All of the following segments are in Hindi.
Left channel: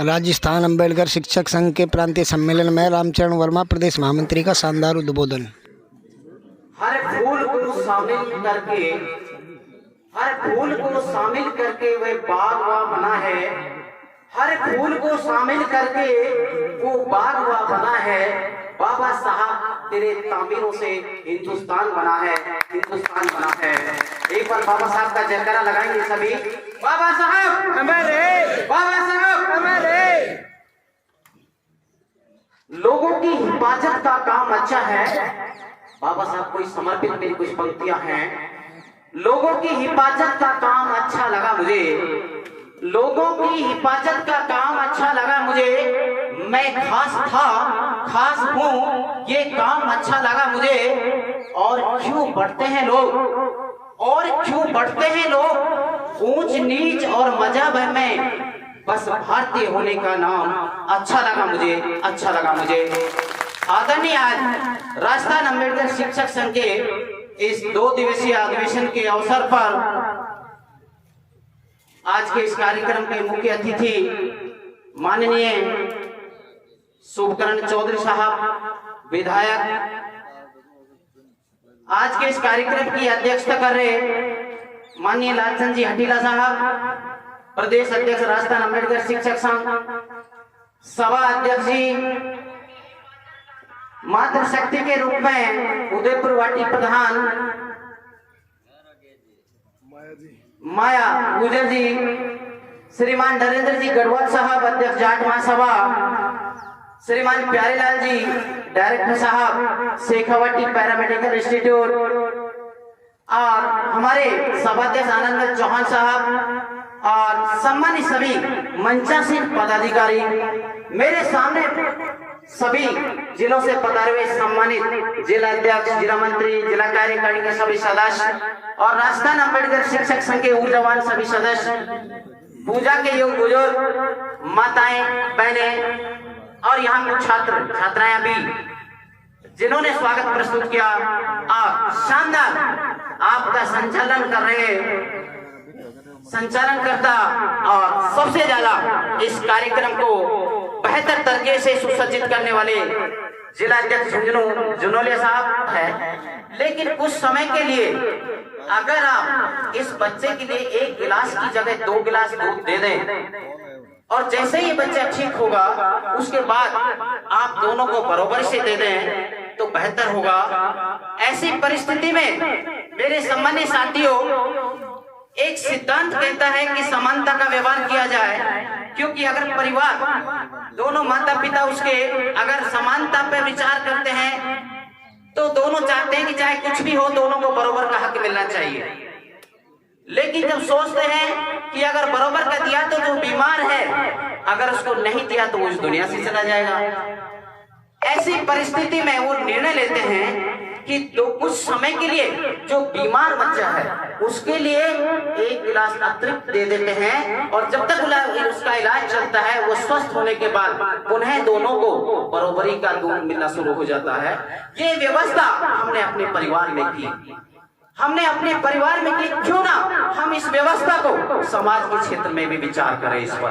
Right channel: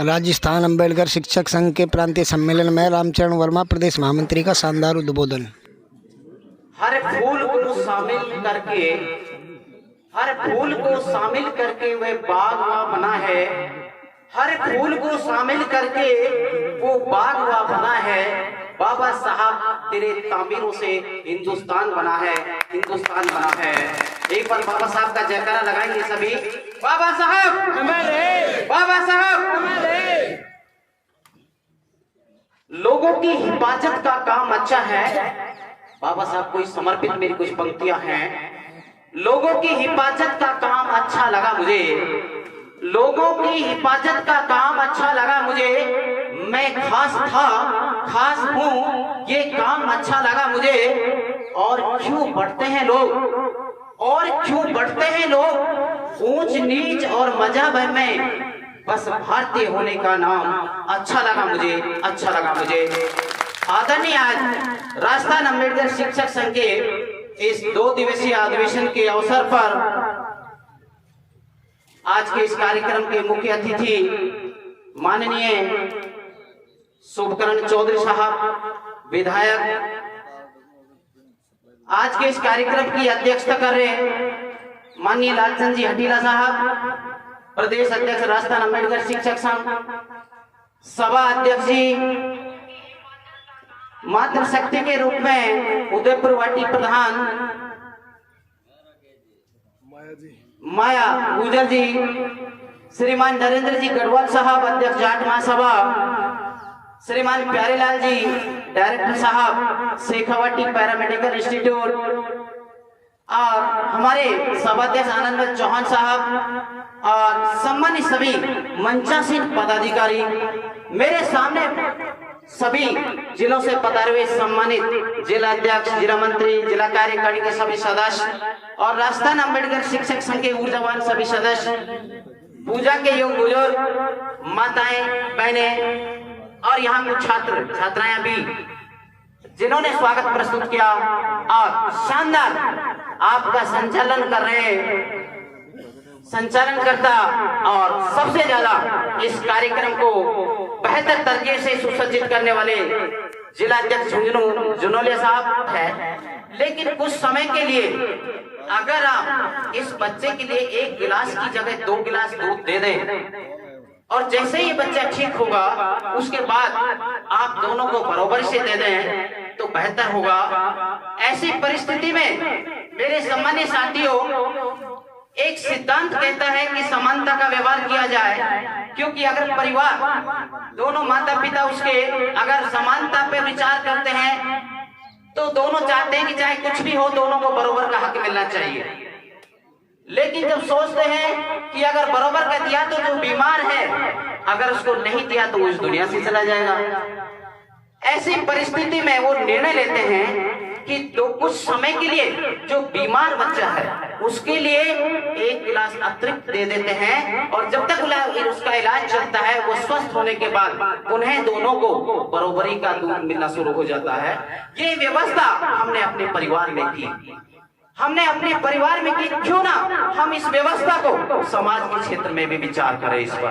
राजस्थान अम्बेडकर शिक्षक संघ के प्रांतीय सम्मेलन में रामचरण वर्मा प्रदेश महामंत्री का शानदार उद्बोधन। हर फूल को शामिल करके वह बाग हुआ बना है। हर फूल को शामिल करके वो बाग हुआ बना है। बाबा साहब तेरे तामीरों से हिंदुस्तान बना है, हिंदुस्तान बना है। एक बार बाबा साहब का जयकारा लगाएंगे सभी। बाबा साहब अमर है, बाबा साहब अमर है। लोगों की हिफाजत का काम अच्छा है। बाबा साहब को समर्पित मेरी कुछ पंक्तियां हैं। लोगों की हिफाजत का काम अच्छा लगा मुझे, लोगों की हिफाजत का काम अच्छा लगा मुझे। मैं खास था, खास हूँ, ये काम अच्छा लगा मुझे। और क्यों बढ़ते हैं लोग, और क्यों बढ़ते हैं लोग ऊंच नीच और मजहब में, बस भारतीय होने का नाम अच्छा लगा मुझे, अच्छा लगा मुझे। आदरणीय आज राजस्थान अम्बेडकर शिक्षक संघ के इस 2 दिवसीय अधिवेशन के अवसर पर आज के इस कार्यक्रम के मुख्य अतिथि माननीय शुभकरण चौधरी साहब विधायक, आज के इस कार्यक्रम की अध्यक्षता कर रहे माननीय लालचंद जी हटीला साहब प्रदेश अध्यक्ष राजस्थान अम्बेडकर शिक्षक संघ, सभा अध्यक्ष जी मातृशक्ति के रूप में उदयपुर वाटी प्रधान माया गुजर जी, श्रीमान नरेंद्र जी गढ़वाल साहब अध्यक्ष जाट महासभा, श्रीमान प्यारेलाल जी डायरेक्टर साहब शेखावाटी पैरामेडिकल इंस्टीट्यूट, और हमारे सभाध्यक्ष आनंद चौहान साहब और सम्मानित सभी मंचासीन पदाधिकारी, मेरे सामने सभी जिलों से पधारे हुए सम्मानित जिला अध्यक्ष, जिला मंत्री, जिला कार्यकारिणी के सभी सदस्य और राजस्थान अम्बेडकर शिक्षक संघ के ऊर्जावान सभी सदस्य, पूजा के योग बुजुर्ग, माताएं, बहनें और यहाँ कुछ छात्र छात्राएं भी जिन्होंने स्वागत प्रस्तुत किया और शानदार आपका संचालन कर रहे संचालनकर्ता और सबसे ज्यादा इस कार्यक्रम को बेहतर तरीके से सुसज्जित करने वाले जिला अध्यक्ष जुनोलिया साहब है। लेकिन कुछ समय के लिए अगर आप इस बच्चे के लिए 1 गिलास की जगह 2 गिलास दूध दे दें और जैसे ही बच्चा ठीक होगा उसके बाद आप दोनों को बराबर से दे दें तो बेहतर होगा। ऐसी परिस्थिति में मेरे सम्मानीय साथियों, एक सिद्धांत कहता है कि समानता का व्यवहार किया जाए, क्योंकि अगर परिवार दोनों माता पिता उसके अगर समानता पर विचार करते हैं तो दोनों चाहते हैं कि चाहे कुछ भी हो दोनों को बराबर का हक मिलना चाहिए। लेकिन जब सोचते हैं कि अगर बराबर का दिया तो जो बीमार है अगर उसको नहीं दिया तो वो इस दुनिया से चला जाएगा। ऐसी परिस्थिति में वो निर्णय लेते हैं कि तो कुछ समय के लिए जो बीमार बच्चा है उसके लिए 1 गिलास अतिरिक्त दे देते हैं और जब तक उसका इलाज चलता है वो स्वस्थ होने के बाद उन्हें दोनों को बराबरी का दूध मिलना शुरू हो जाता है। ये व्यवस्था हमने अपने परिवार में की, हमने अपने परिवार में की। क्यों ना हम इस व्यवस्था को समाज के क्षेत्र में भी विचार करें इस पर,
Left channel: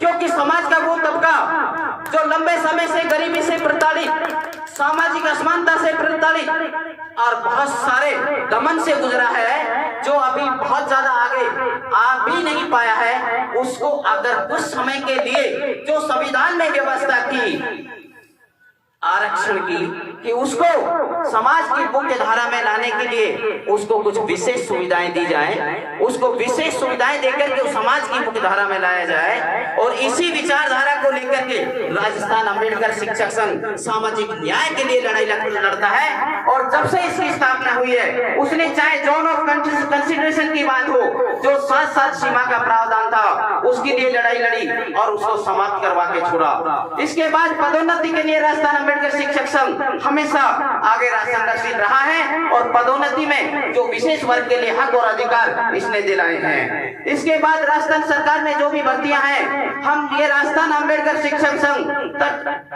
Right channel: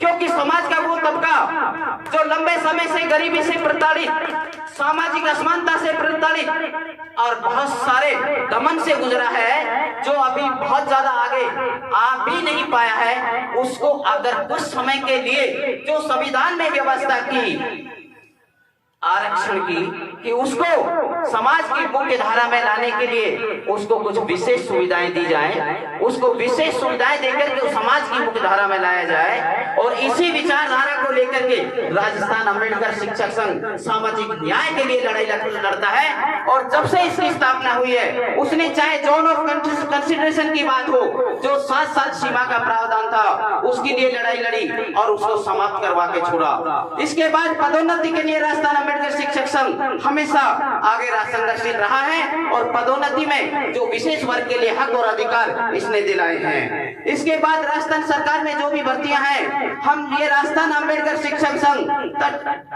क्योंकि समाज का वो तबका जो लंबे समय से गरीबी से प्रताड़ित, सामाजिक असमानता से प्रताड़ित और बहुत सारे दमन से गुजरा है, जो अभी बहुत ज्यादा आगे आ भी नहीं पाया है, उसको अगर कुछ समय के लिए जो संविधान में व्यवस्था की आरक्षण की कि उसको समाज की मुख्य धारा में लाने के लिए उसको कुछ विशेष सुविधाएं दी जाए, उसको विशेष सुविधाएं देकर के समाज की मुख्य धारा में लाया जाए। और इसी विचारधारा को लेकर के राजस्थान अम्बेडकर शिक्षक संघ सामाजिक न्याय के लिए लड़ाई लड़ता है। और जब से इसकी स्थापना हुई है उसने चाहे जोन ऑफ कंसिडरेशन की बात हो, जो 7 साल सीमा का प्रावधान था उसके लिए लड़ाई लड़ी और उसको समाप्त करवा के छोड़ा। इसके बाद पदोन्नति के लिए राजस्थान अम्बेडकर शिक्षक संघ हमेशा आगे संघर्षशील रहा है और पदोन्नति में जो विशेष वर्ग के लिए हक और अधिकार इसने दिलाए हैं। इसके बाद राजस्थान सरकार में जो भी भर्तियां हैं हम ये राजस्थान अम्बेडकर शिक्षक संघ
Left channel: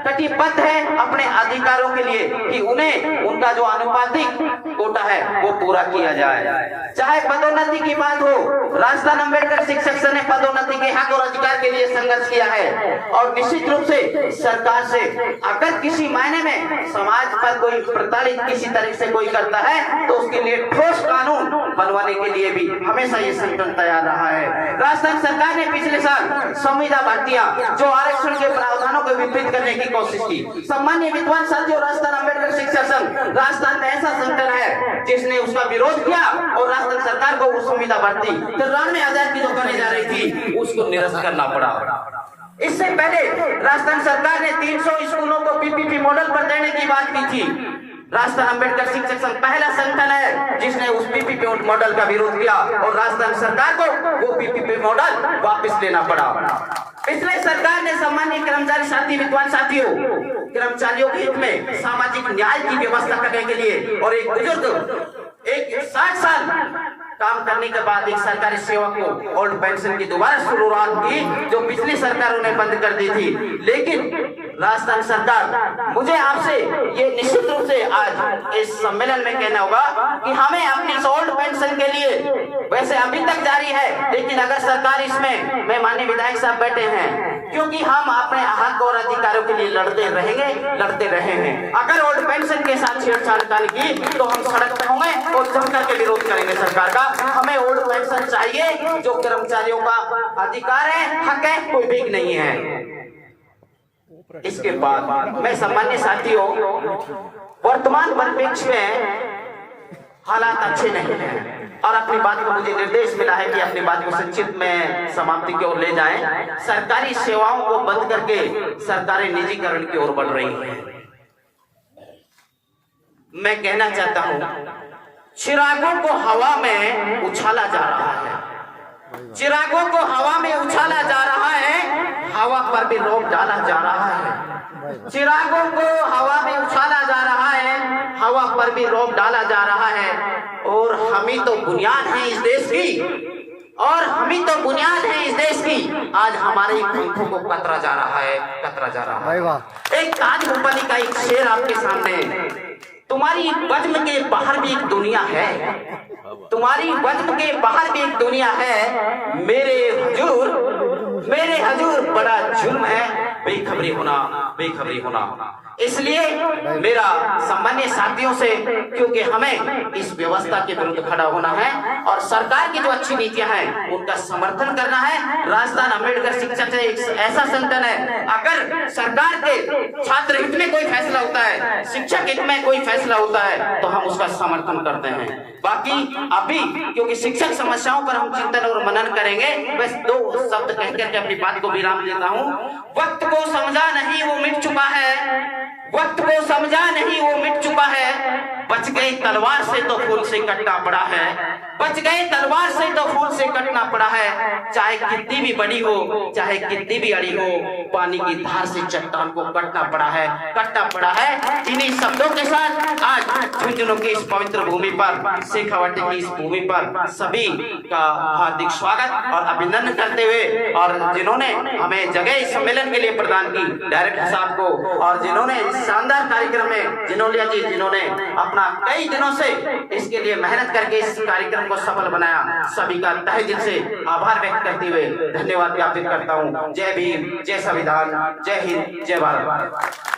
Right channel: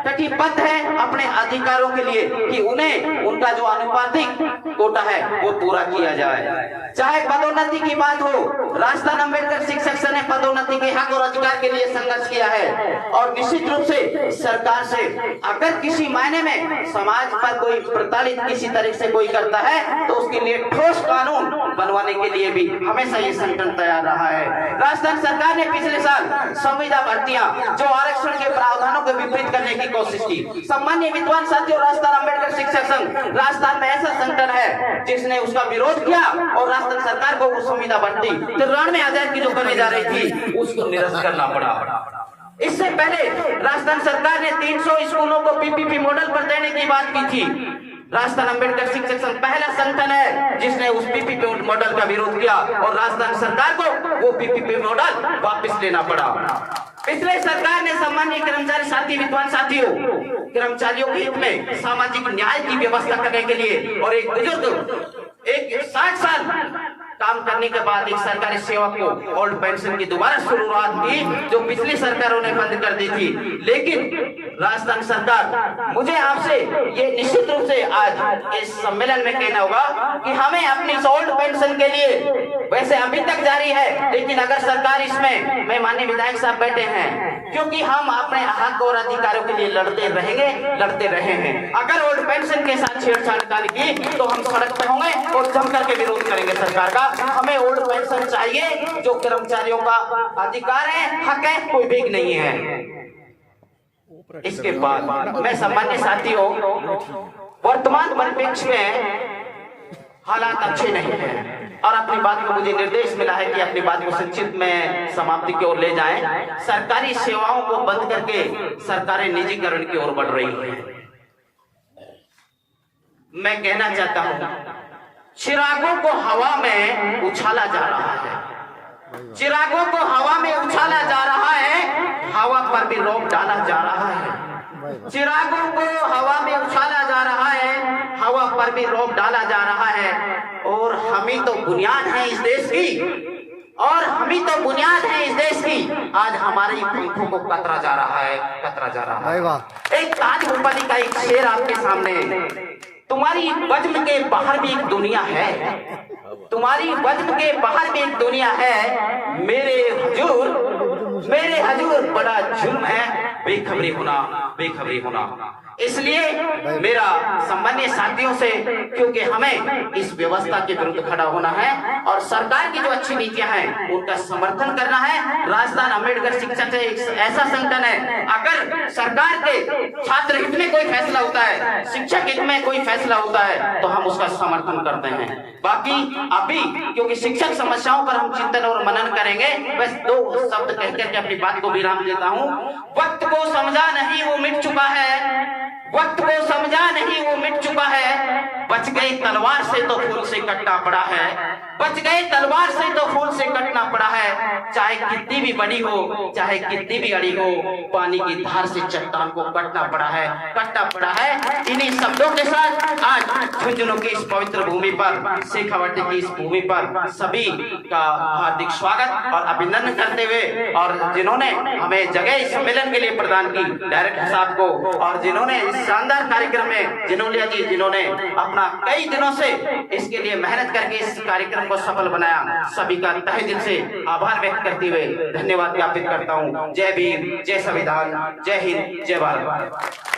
कटिबद्ध है अपने अधिकारों के लिए कि उन्हें उनका जो अनुपातिक कोटा है वो पूरा किया जाए। चाहे पदोन्नति की बात हो, राजस्थान अम्बेडकर शिक्षक संघ ने पदोन्नति के हक और अधिकार के लिए संघर्ष किया है और निश्चित रूप से सरकार से अगर किसी मायने में समाज पर कोई प्रताड़ित किसी तरह से कोई करता है तो उसके लिए ठोस कानून बनवाने के लिए भी हमेशा ये संगठन तैयार रहा है। राजस्थान सरकार ने पिछले साल संविदा भर्तियां जो आरक्षण के प्रावधानों को विपरीत करने की कोशिश की। सम्मान्य विद्वान साथियों, राजस्थान अम्बेडकर शिक्षक संघ राजस्थान में ऐसा संगठन है जिसने उसका विरोध किया और राजस्थान सरकार को वो संविदा भर्ती 93,000 की जो करने जा रही थी उसको निरस्त करना पड़ा। इससे पहले राजस्थान सरकार ने 300 स्कूलों को पीपीपी मॉडल पर देने की बात की थी। राजस्थान अम्बेडकर शिक्षक संघ पहला संगठन है जिसने उस पीपीपी मॉडल का विरोध किया और राजस्थान सरकार को वो पीपीपी मॉडल वापस लेना पड़ा। पिछले सरकार ने सम्मानीय कर्मचारी साथी विद्वान साथियों, कर्मचारियों के हित में सामाजिक न्याय की व्यवस्था करने के लिए और एक बुजुर्ग एक 60 साल काम करने के बाद एक सरकारी सेवक को ओल्ड पेंशन की दोबारा शुरुआत की जो पिछली सरकारों ने बंद कर दी थी। लेकिन राजस्थान सरकार, मुझे आपसे ये निश्चित रूप से आज इस सम्मेलन में कहना होगा कि हमें अपनी ओल्ड पेंशन के लिए वैसे अभी तक जारी है, लेकिन अगर सरकार इसमें, मैं माननीय विधायक साहब बैठे हैं, क्योंकि हम अपने हक और अधिकारों के लिए लड़ते रहे हैं। अगर ओल्ड पेंशन के साथ छेड़छाड़ की तो हम सड़क पर होंगे और जमकर के विरोध करेंगे सरकार का। हमें ओल्ड पेंशन चाहिए जो कर्मचारियों का अधिकार है, हक है, कोई भीख नहीं है। इसके बाद मैं सम्मान्य साथियों, वर्तमान परिप्रेक्ष्य में हालात अच्छे नहीं हैं और अपनी बात में मुझे निर्देश मिला है कि अपनी बात को संक्षिप्त में समाप्ति की ओर ले जाएं। सरकारी सेवाओं को बंद करके सरकारें निजीकरण की ओर बढ़ रही हैं। मैं कहना चाहता हूं, चिरागों को हवा में उछाला जा रहा है, चिरागों को हवा में उछाला जा रहा है, हवा पर भी रोक डाला जा रहा है। चिरागों को हवा में उछाला जा रहा है, हवा पर भी रोक डाला जा रहा है और हम ही तो बुनियाद है इस देश की, और हम ही तो बुनियाद है इस देश की। आज हमारे पंखों को कतरा जा रहा है, कतरा जा रहा है। एक ताज मुंबई का एक शेर आपके सामने, तुम्हारी वज्र के बाहर भी एक दुनिया है, तुम्हारी वज्र के बाहर भी एक दुनिया है, मेरे हजूर बड़ा जुर्म है बेखबरी होना। इसलिए मेरा सम्मान्य साथियों से, क्योंकि हमें इस व्यवस्था के विरुद्ध खड़ा होना है और सरकार की जो अच्छी नीतियां हैं उनका समर्थन करना है। राजस्थान अम्बेडकर शिक्षक एक ऐसा संगठन है, अगर सरकार के छात्र हित में कोई फैसला होता है, शिक्षक हित में कोई फैसला होता है तो हम उसका समर्थन करते हैं। बाकी अभी क्योंकि शिक्षक समस्याओं पर हम चिंतन और मनन करेंगे, बस 2 शब्द कहकर के अपनी बात को विराम देता हूँ। वक्त को समझा नहीं वो मिट चुका है, वक्त को समझा नहीं वो मिट चुका है, बच गई तलवार से तो फूल से कटना पड़ा है, बच गए तलवार से तो फूल से कटना पड़ा है। चाहे कितनी भी बड़ी हो, चाहे कितनी भी अड़ी हो, पानी की धार से चट्टान को कटना पड़ा है। इन्हीं शब्दों के साथ आज झुंझुनू की इस पवित्र भूमि पर, शेखावाटी की इस भूमि पर सभी का हार्दिक स्वागत और अभिनंदन करते हुए, और जिन्होंने हमें जगह इस सम्मेलन के लिए प्रदान की, डायरेक्टर साहब को, और जिन्होंने इस शानदार कार्यक्रम में जिन्होंने अपना कई दिनों से इसके लिए मेहनत करके इस कार्यक्रम को सफल बनाया, सभी का तहे दिल से आभार व्यक्त करते हुए धन्यवाद ज्ञापित करता हूँ। जय भीम, जय संविधान, जय हिंद, जय भारत।